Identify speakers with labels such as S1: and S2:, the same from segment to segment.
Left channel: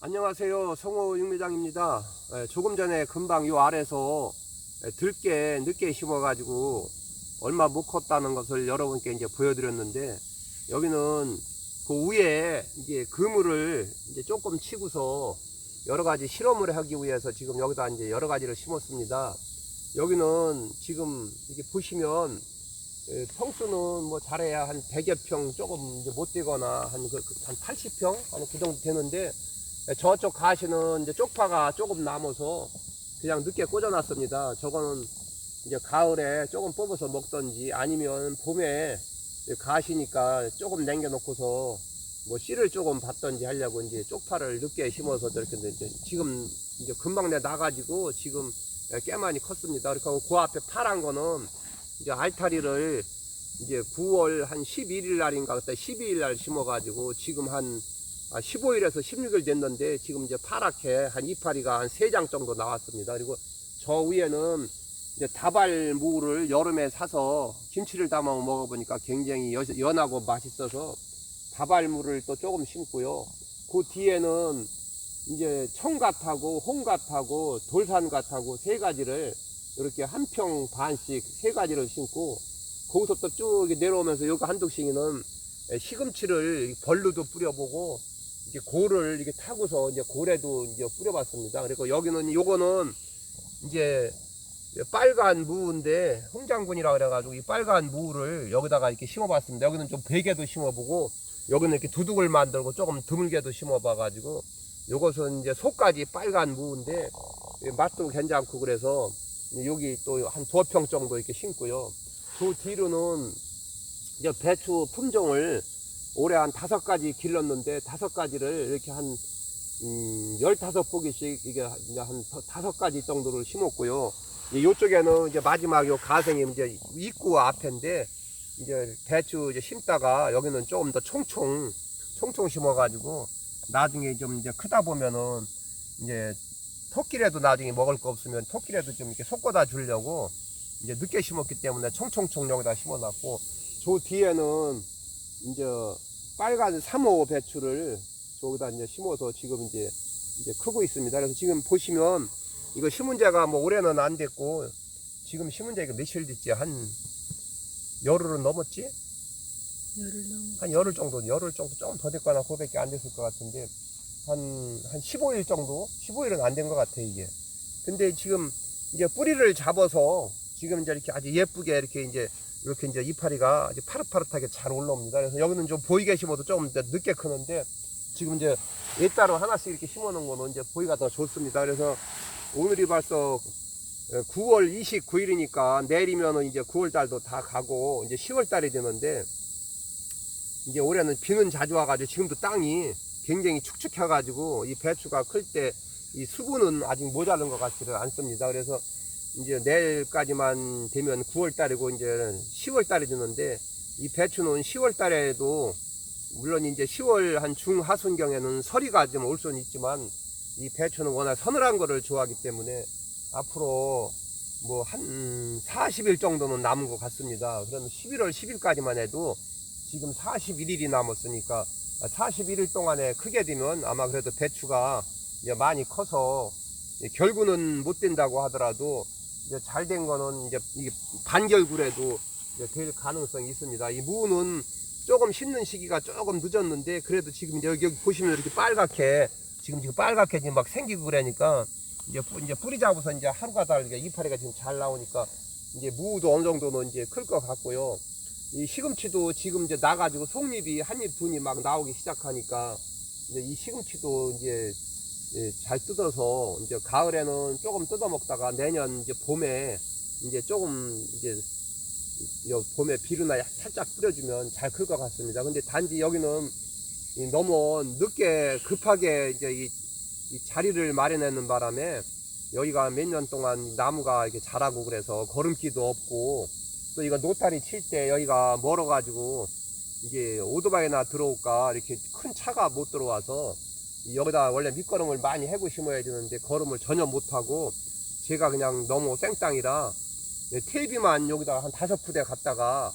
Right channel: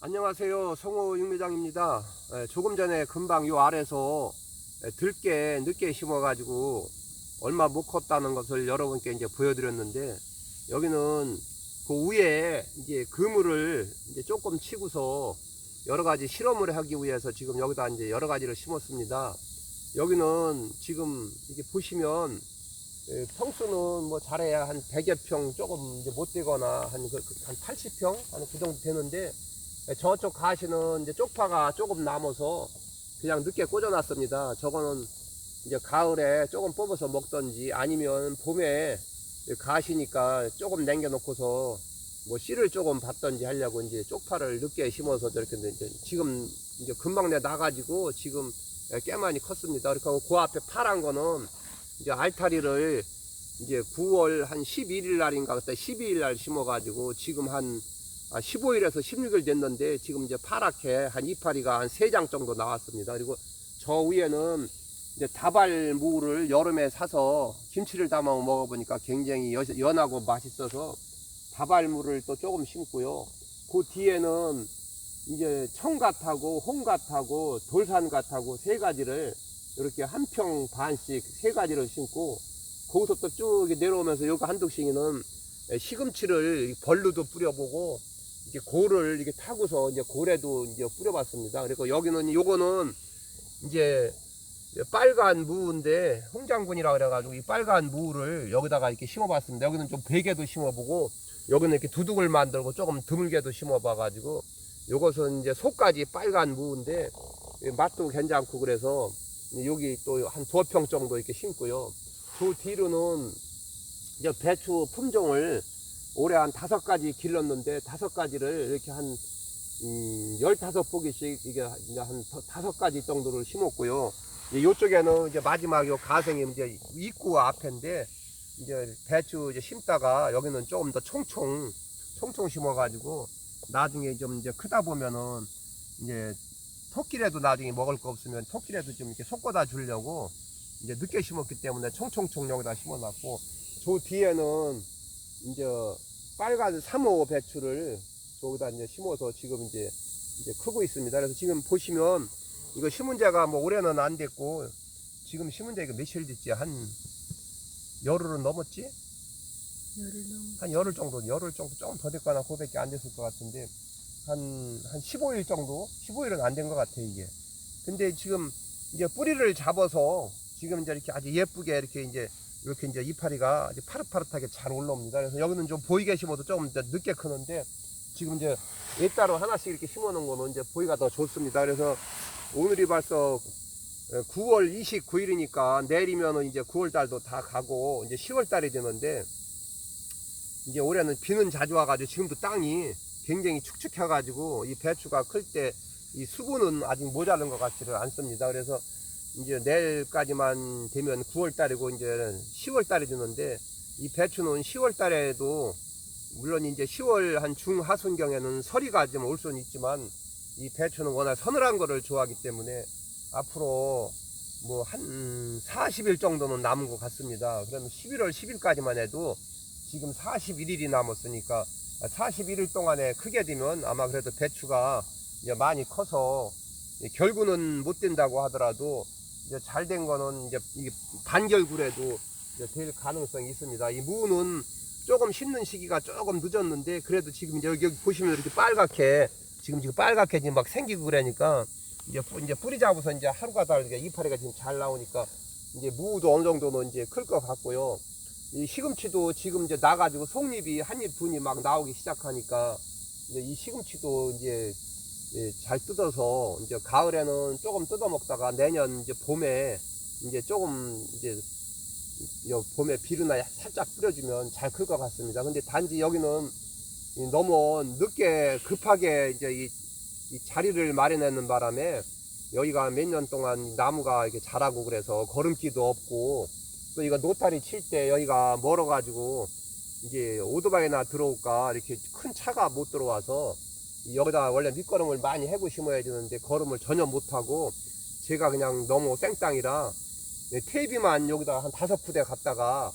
S1: 안녕하세요. 성호 육매장입니다. 예, 조금 전에 금방 요 아래서 예, 들깨 늦게 심어가지고 얼마 못 컸다는 것을 여러분께 이제 보여드렸는데 여기는 그 위에 이제 그물을 이제 조금 치고서 여러 가지 실험을 하기 위해서 지금 여기다 이제 여러 가지를 심었습니다. 여기는 지금 이렇게 보시면 예, 평수는 뭐 잘해야 한 100여 평 조금 이제 못 되거나 한, 그, 그, 한 80평? 한 그 정도 되는데 예, 저쪽 가시는 이제 쪽파가 조금 남아서 그냥 늦게 꽂아놨습니다. 저거는 이제 가을에 조금 뽑아서 먹던지 아니면 봄에 가시니까 조금 남겨놓고서 뭐 씨를 조금 받던지 하려고 이제 쪽파를 늦게 심어서 이렇게 이제 지금 이제 금방 내 나가지고 지금 꽤 많이 컸습니다. 그리고 그 앞에 파란 거는 이제 알타리를 이제 9월 한 11일 날인가 그때 12일 날 심어가지고 지금 한 15일에서 16일 됐는데 지금 이제 파랗게 한 이파리가 한 3장 정도 나왔습니다. 그리고 저 위에는 이제 다발무를 여름에 사서 김치를 담아 먹어보니까 굉장히 여- 연하고 맛있어서 다발무를 또 조금 심고요. 그 뒤에는 이제 청갓하고 홍갓하고 돌산갓하고 세 가지를 이렇게 한 평 반씩 세 가지를 심고 거기서 또 쭉 내려오면서 여기 한독싱이는 시금치를 벌루도 뿌려보고 이제 고를 이렇게 타고서 이제 고래도 이제 뿌려봤습니다. 그리고 여기는 요거는 이제 빨간 무인데 홍장군이라 그래가지고 이 빨간 무를 여기다가 이렇게 심어봤습니다. 여기는 좀 베개도 심어보고 여기는 이렇게 두둑을 만들고 조금 드물게도 심어봐가지고 요것은 이제 속까지 빨간 무인데 이 맛도 괜찮고 그래서 여기 또 한두평 정도 이렇게 심고요. 그 뒤로는 이제 배추 품종을 올해 한 다섯 가지 길렀는데 다섯 가지를 이렇게 한 음, 15포기씩 이게 이제 한 더- 다섯 가지 정도를 심었고요. 이 요쪽에는 이제 마지막 요 가생이 이제 입구 앞인데 이제 배추 이제 심다가 여기는 조금 더 총총 총총 심어가지고 나중에 좀 이제 크다 보면은 이제 토끼라도 나중에 먹을 거 없으면 토끼라도 좀 이렇게 섞어다 주려고 이제 늦게 심었기 때문에 총총총 여기다 심어놨고 저 뒤에는 이제 빨간 3호 배추를 저기다 이제 심어서 지금 이제 이제 크고 있습니다. 그래서 지금 보시면 이거 심은 지가 뭐 올해는 안 됐고 지금 심은 지가 며칠 됐지 한 열흘은 넘었지?
S2: 열흘 넘
S1: 한 열흘 정도, 열흘 정도 조금 더 됐거나 그거밖에 안 됐을 것 같은데 한, 한 15일 정도? 15일은 안 된 것 같아, 이게. 근데 지금 이제 뿌리를 잡아서 지금 이제 이렇게 아주 예쁘게 이렇게 이제 이렇게 이제 이파리가 아주 파릇파릇하게 잘 올라옵니다. 그래서 여기는 좀 보이게 심어도 조금 이제 늦게 크는데 지금 이제 예 따로 하나씩 이렇게 심어 놓은 거는 이제 보기가 더 좋습니다. 그래서 오늘이 벌써 9월 29일이니까 내일이면은 이제 9월 달도 다 가고 이제 10월 달이 되는데 이제 올해는 비는 자주 와가지고 지금도 땅이 굉장히 축축해가지고 이 배추가 클 때 이 수분은 아직 모자른 것 같지를 않습니다. 그래서 이제 내일까지만 되면 9월 달이고 이제 10월 달이 되는데 이 배추는 10월 달에도 물론 이제 10월 한 중하순경에는 서리가 좀 올 수는 있지만 이 배추는 워낙 서늘한 거를 좋아하기 때문에 앞으로 뭐 한 40일 정도는 남은 것 같습니다. 그러면 11월 10일까지만 해도 지금 41일이 남았으니까 41일 동안에 크게 되면 아마 그래도 배추가 많이 커서 결구는 못 된다고 하더라도 잘 된 거는 이제 이게 반결구라도 이제 될 가능성이 있습니다. 이 무는 조금 심는 시기가 조금 늦었는데 그래도 지금 이제 여기, 여기 보시면 이렇게 빨갛게 지금 지금 빨갛게 지금 막 생기고 그러니까 이제 뿌- 이제 뿌리 잡아서 이제 하루가 다르게 이파리가 지금 잘 나오니까 이제 무도 어느 정도는 이제 클 것 같고요. 이 시금치도 지금 이제 나가지고 속잎이 한 입, 두입막 나오기 시작하니까 이제 이 시금치도 이제 예, 잘 뜯어서 이제 가을에는 조금 뜯어 먹다가 내년 이제 봄에 이제 조금 이제 요 봄에 비료나 살짝 뿌려주면 잘 클 것 같습니다. 근데 단지 여기는 이 너무 늦게 급하게 이제 이, 이 자리를 마련하는 바람에 여기가 몇 년 동안 나무가 이렇게 자라고 그래서 걸음기도 없고 또 이거 노타리 칠 때 여기가 멀어가지고 이게 오토바이나 들어올까 이렇게 큰 차가 못 들어와서 이 여기다 원래 밑거름을 많이 해고 심어야 되는데 걸음을 전혀 못하고 제가 그냥 너무 생땅이라 네, 테이비만 여기다 한 다섯 푸대 갖다가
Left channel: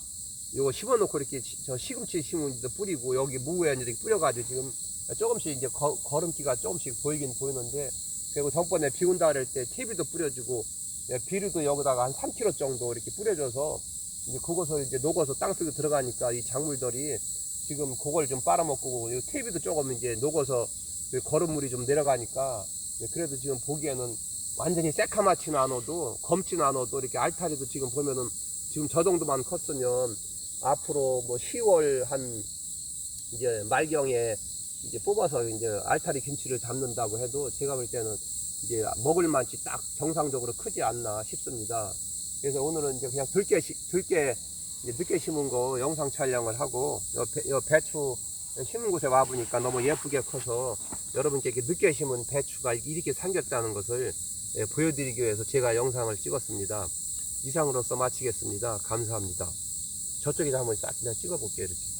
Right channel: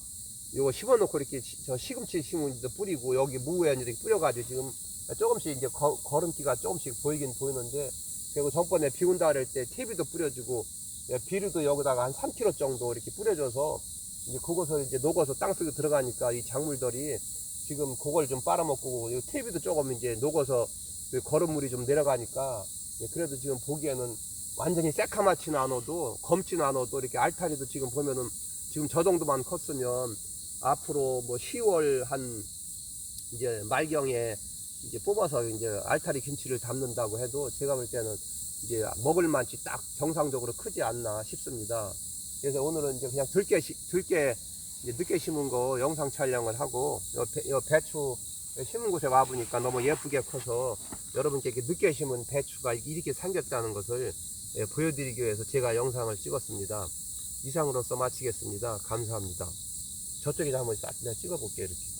S1: 요거 심어놓고 이렇게 시- 저 시금치 심은지도 뿌리고 여기 무에 이렇게 뿌려가지고 지금 조금씩 이제 거- 걸음기가 조금씩 보이긴 보이는데 그리고 전번에 비 온다 그럴 때 TV도 뿌려주고 예, 비료도 여기다가 한 3kg 정도 이렇게 뿌려줘서 이제 그것을 이제 녹아서 땅 속에 들어가니까 이 작물들이 지금 그걸 좀 빨아먹고 이 TV도 조금 이제 녹아서 그 거름물이 좀 내려가니까 예, 그래도 지금 보기에는 완전히 새카맣지는 않아도 검지는 않아도 이렇게 알타리도 지금 보면은 지금 저 정도만 컸으면 앞으로 뭐 10월 한 이제 말경에 이제 뽑아서 이제 알타리 김치를 담는다고 해도 제가 볼 때는 이제 먹을 만치 딱 정상적으로 크지 않나 싶습니다. 그래서 오늘은 이제 그냥 들깨 시- 들깨 이제 늦게 심은 거 영상 촬영을 하고 요, 배, 요 배추 심은 곳에 와 보니까 너무 예쁘게 커서 여러분께 이렇게 늦게 심은 배추가 이렇게 생겼다는 것을 예, 보여드리기 위해서 제가 영상을 찍었습니다. 이상으로서 마치겠습니다. 감사합니다. 저쪽에 한번 싹 찍어볼게요. 이렇게.